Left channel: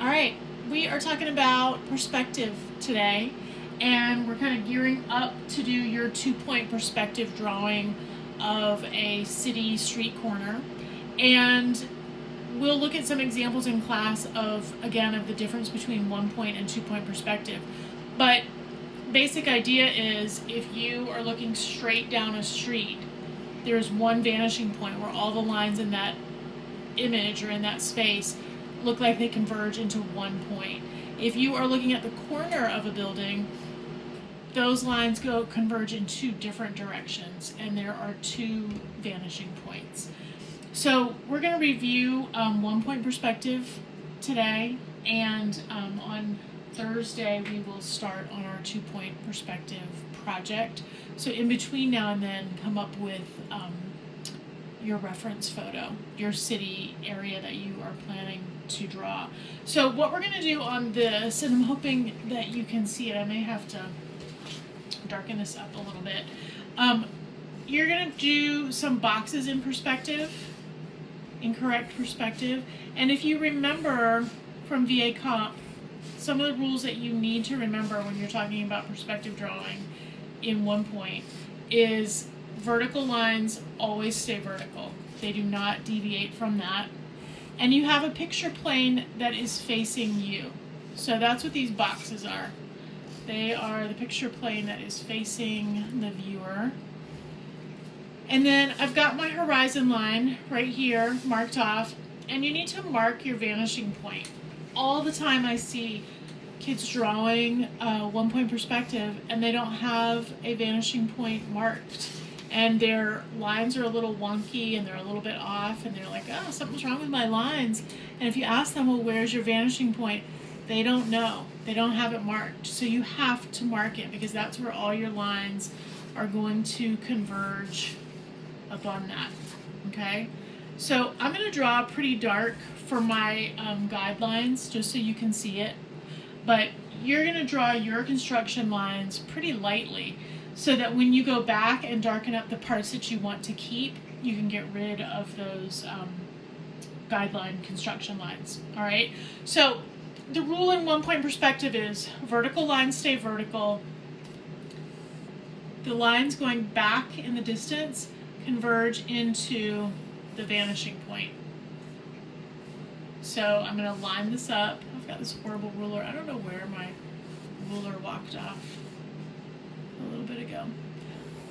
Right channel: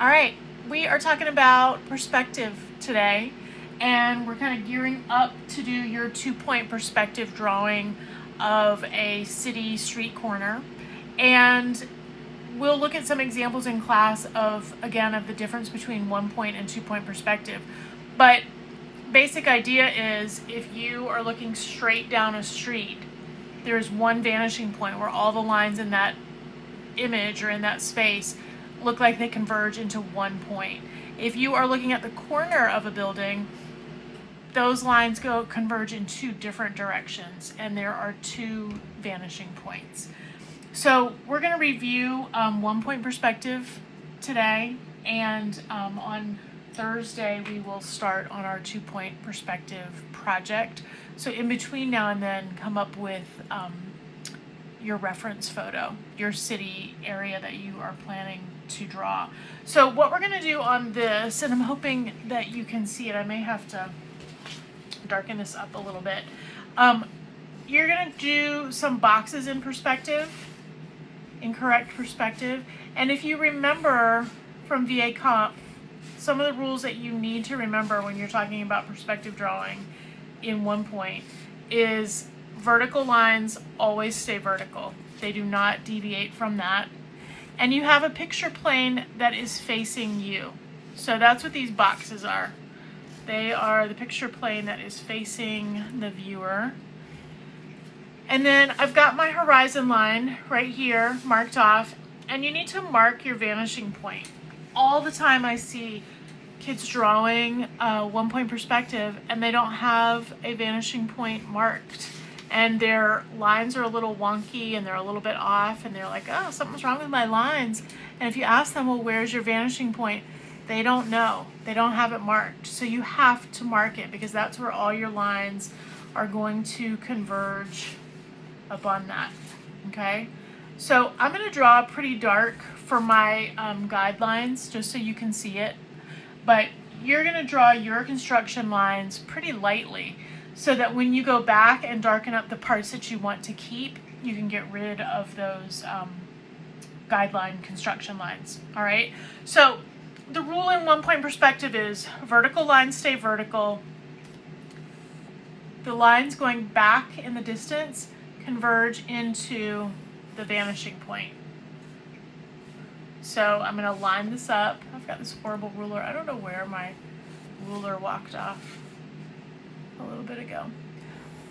All right, we are talking about perspective today, and we're kind of gearing up to do your 2-point perspective drawing of a city street corner. And we'll look at some examples in class of the difference between 1-point and 2-point perspective. But basic idea is if you are looking straight down a street, there's one vanishing point where all the lines in that image or in that space look like they converge into 1 point. If you are looking at the corner of a building, those lines converge in 2 different directions, and there are 2 vanishing points. So we're going to review 1-point perspective today, and on Thursday we will start on our 2-point perspective project. So in between now and then, come up with your reference photo, your city area that you are planning to draw. So what we're going to do on this, and I'm hoping that you can see it, I may have to darken this up a little bit. You're going to do some boxes in perspective, incorrect perspective, and if you remember from VA Comp, some of the rules that you need to remember when you're talking about perspective drawing in 1-point is vertical lines always stay vertical. They do not deviate from that. And you have a picture plane that is facing you. So that's what these boxes are. They are the picture plane that is facing the viewer. And then I've got my horizon line right here marked off, and you need to mark your vanishing point. All the time I see kids drawing a 1-point perspective and they don't have a vanishing point marked, and their lines are a little wonky and they're a little bit off, and they're like, oh, something's wrong with my lines. And if you ask them, well, where's your vanishing point? They don't know. They don't have it marked. So you have to mark it, because that's where all your lines are going to converge upon that. Okay? So I'm going to draw pretty dark for my guidelines, just so you can see it. But you're going to draw your construction lines pretty lightly, so that when you go back and darken up the parts that you want to keep, you can get rid of those guideline construction lines. All right? So the rule in 1-point perspective is vertical lines stay vertical. The lines going back in the distance converge into the vanishing point. So I'm going to line this up. I've got this horrible ruler. I don't know where my ruler walked off a little bit ago.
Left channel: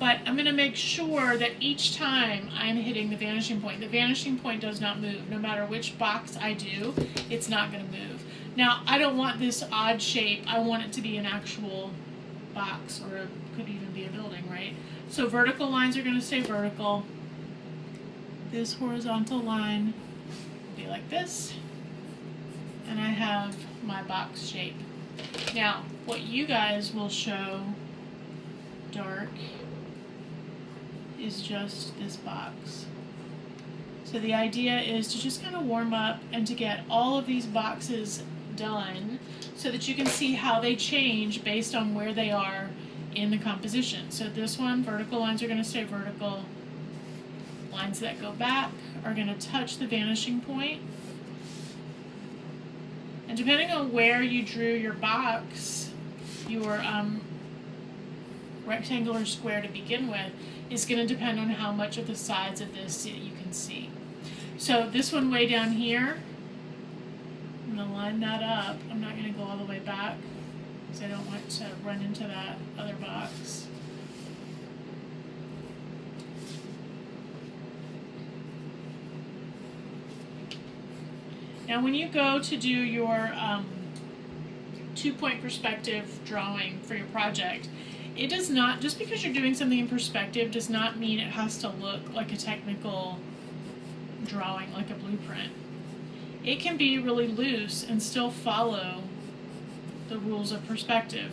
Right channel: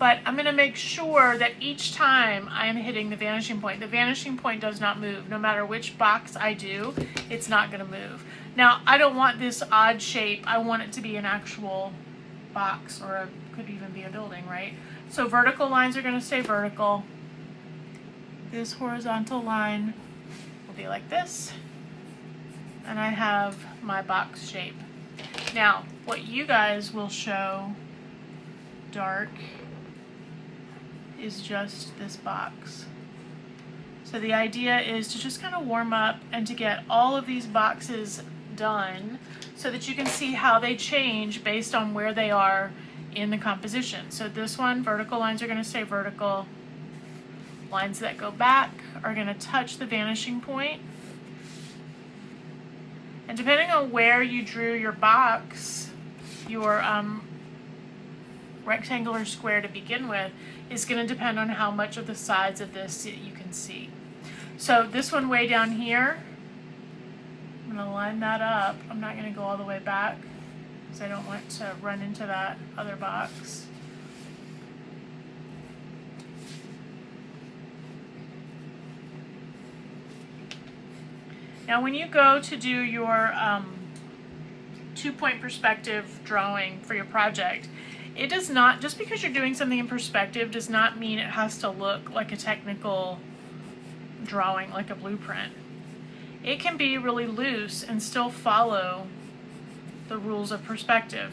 But I'm going to make sure that each time I'm hitting the vanishing point does not move. No matter which box I do, it's not going to move. Now, I don't want this odd shape. I want it to be an actual box, or it could even be a building, right? So vertical lines are going to stay vertical. This horizontal line will be like this. And I have my box shape. Now, what you guys will show dark is just this box. So the idea is to just kind of warm up and to get all of these boxes done so that you can see how they change based on where they are in the composition. So this one, vertical lines are going to stay vertical. Lines that go back are going to touch the vanishing point. And depending on where you drew your box, your rectangular square to begin with, is going to depend on how much of the sides of this you can see. So this one way down here, I'm going to line that up. I'm not going to go all the way back because I don't want to run into that other box. Now when you go to do your 2-point perspective drawing for your project, it does not, just because you're doing something in perspective does not mean it has to look like a technical drawing, like a blueprint. It can be really loose and still follow the rules of perspective.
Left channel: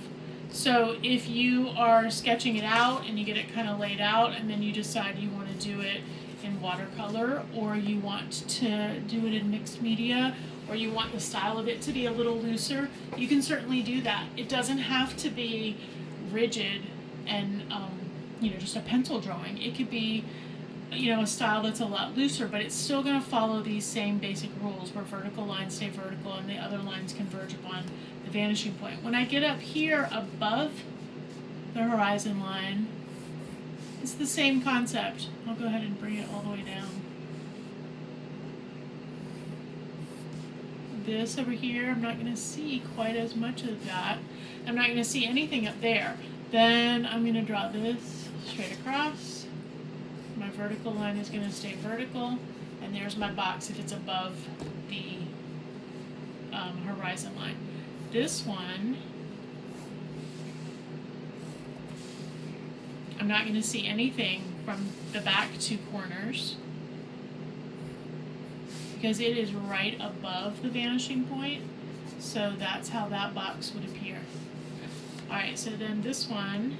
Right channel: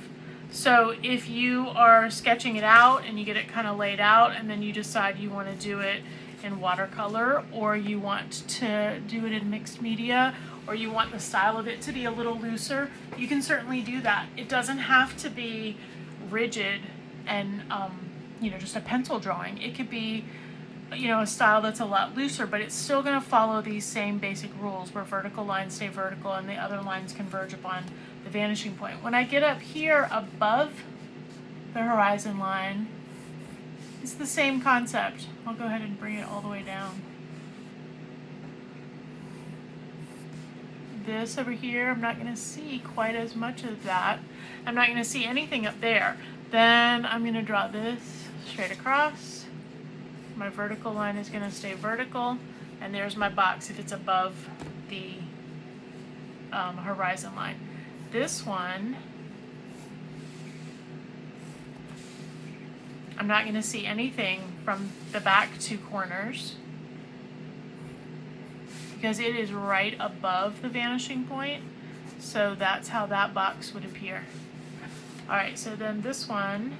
So if you are sketching it out and you get it kind of laid out, and then you decide you want to do it in watercolor, or you want to do it in mixed media, or you want the style of it to be a little looser, you can certainly do that. It doesn't have to be rigid and just a pencil drawing. It could be a style that's a lot looser, but it's still going to follow these same basic rules where vertical lines stay vertical and the other lines converge upon the vanishing point. When I get up here above the horizon line, it's the same concept. I'll go ahead and bring it all the way down. This over here, I'm not going to see quite as much of that. I'm not going to see anything up there. Then I'm going to draw this straight across. My vertical line is going to stay vertical, and there's my box if it's above the horizon line. This one, I'm not going to see anything from the back two corners because it is right above the vanishing point. So that's how that box would appear. All right, so then this one,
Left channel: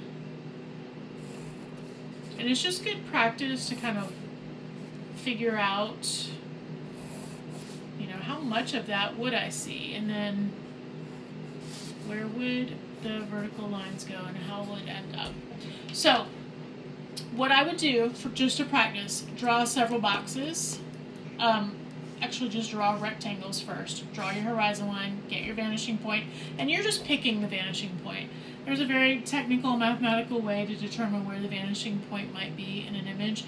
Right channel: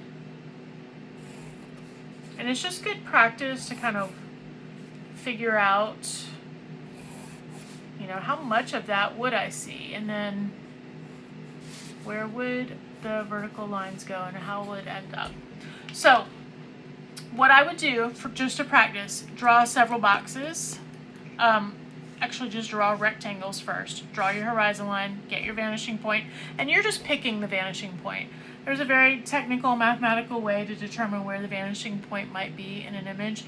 and it's just good practice to kind of figure out, how much of that would I see, and then where would the vertical lines go and how would it end up. So what I would do for just to practice, draw several boxes. Actually just draw rectangles first. Draw your horizon line, get your vanishing point, and you're just picking the vanishing point. There's a very technical mathematical way to determine where the vanishing point might be in an image.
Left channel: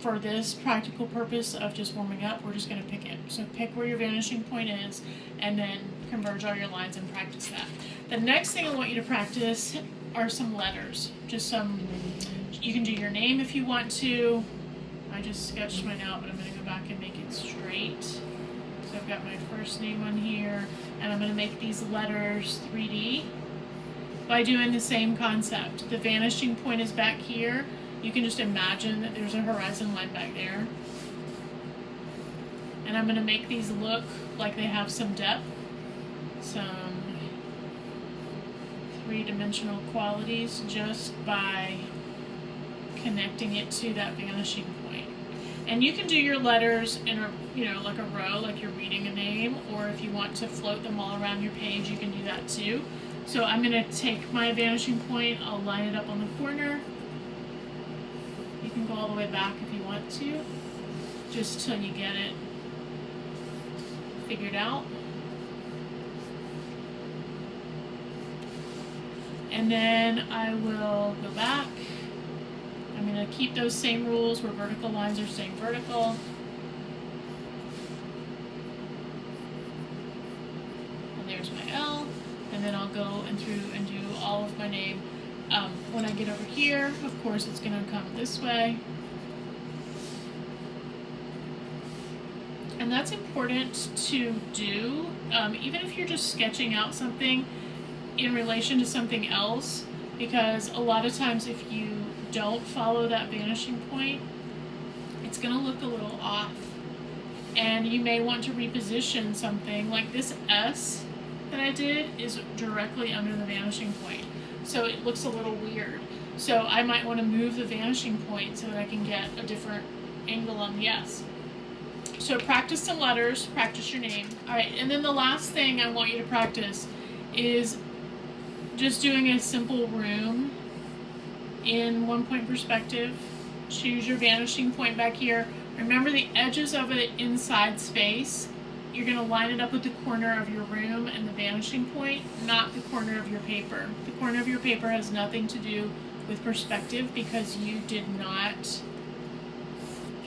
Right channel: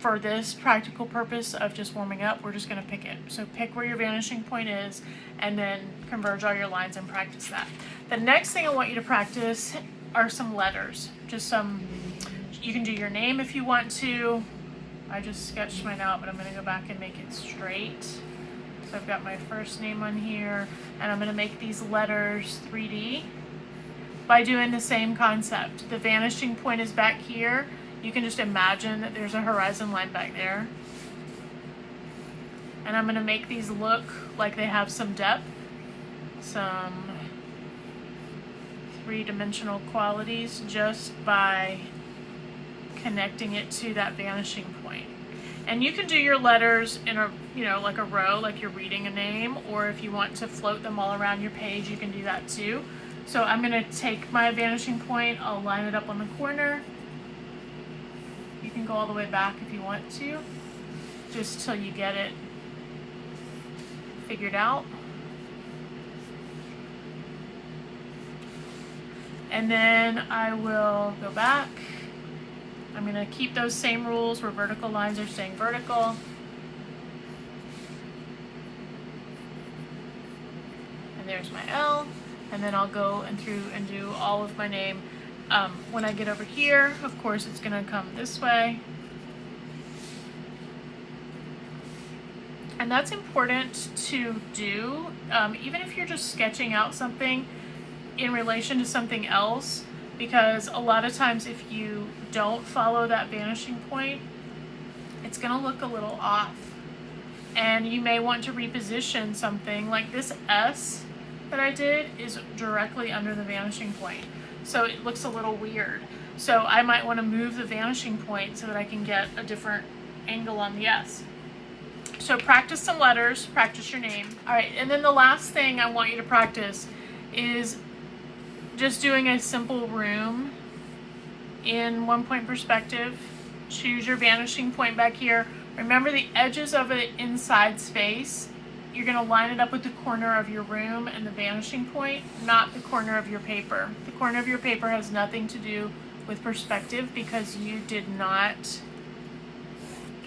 For this practical purpose of just warming up, we're just going to pick it. So pick where your vanishing point is and then converge all your lines and practice that. The next thing I want you to practice are some letters. You can do your name if you want to. I just sketched mine out, but I'm going to go back and make it straight. So I've got my first name on here, and I'm going to make these letters 3D by doing the same concept. The vanishing point is back here. You can just imagine that there's a horizon line back there. And I'm going to make these look like they have some depth, some three-dimensional qualities just by connecting it to that vanishing point. And you can do your letters in a, like a row, like you're reading a name, or if you want to float them all around your page, you can do that too. So I'm going to take my vanishing point, I'll line it up on the corner. You can go all the way back if you want to, just till you get it figured out. And then I will go back. I'm going to keep those same rules where vertical lines are staying vertical. And there's my L. And then I'll go through and do all of my name. When I get over here, of course, it's going to come this way. And that's important to do, even if you're just sketching out something in relation to something else, because a lot of times if you don't follow that vanishing point, it's going to look a little off. And you may want to reposition something like this S that I did is directly under the vanishing point. So it looks a little weird. So I might want to move the vanishing point so that I can get a different angle on the S. So practice some letters, practice your name. All right, and then the last thing I want you to practice is just doing a simple room in 1 point perspective. Choose your vanishing point back here. Remember the edges of it inside space. You're going to line it up with the corner of your room and the vanishing point, not the corner of your paper. The corner of your paper has nothing to do with perspective because you did not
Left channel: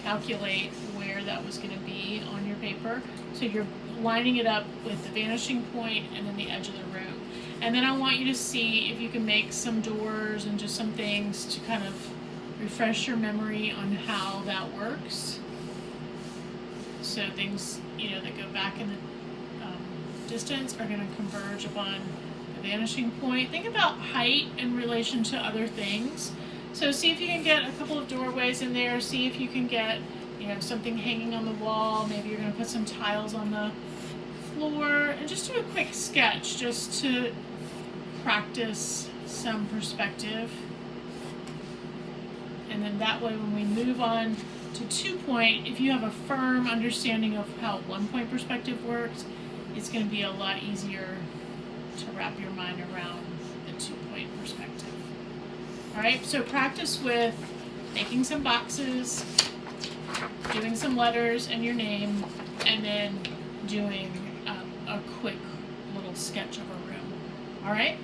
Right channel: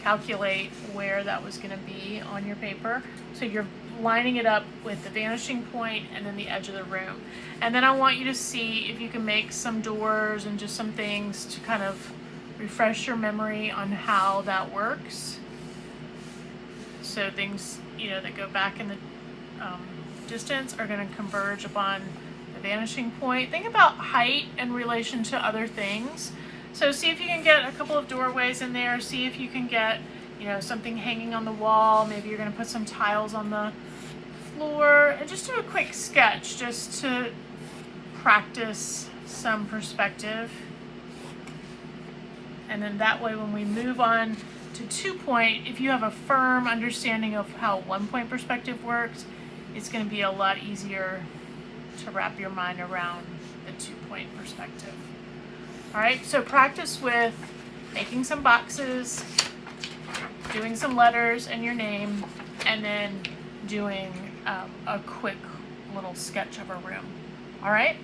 calculate where that was going to be on your paper. So you're lining it up with the vanishing point and then the edge of the room. And then I want you to see if you can make some doors and just some things to kind of refresh your memory on how that works. So things, that go back in the distance are going to converge upon the vanishing point. Think about height in relation to other things. So see if you can get a couple of doorways in there. See if you can get, something hanging on the wall. Maybe you're going to put some tiles on the floor. And just do a quick sketch just to practice some perspective. And then that way when we move on to 2 point, if you have a firm understanding of how 1 point perspective works, it's going to be a lot easier to wrap your mind around the 2 point perspective. All right, so practice with making some boxes, doing some letters and your name, and then doing a quick little sketch of a room. All right?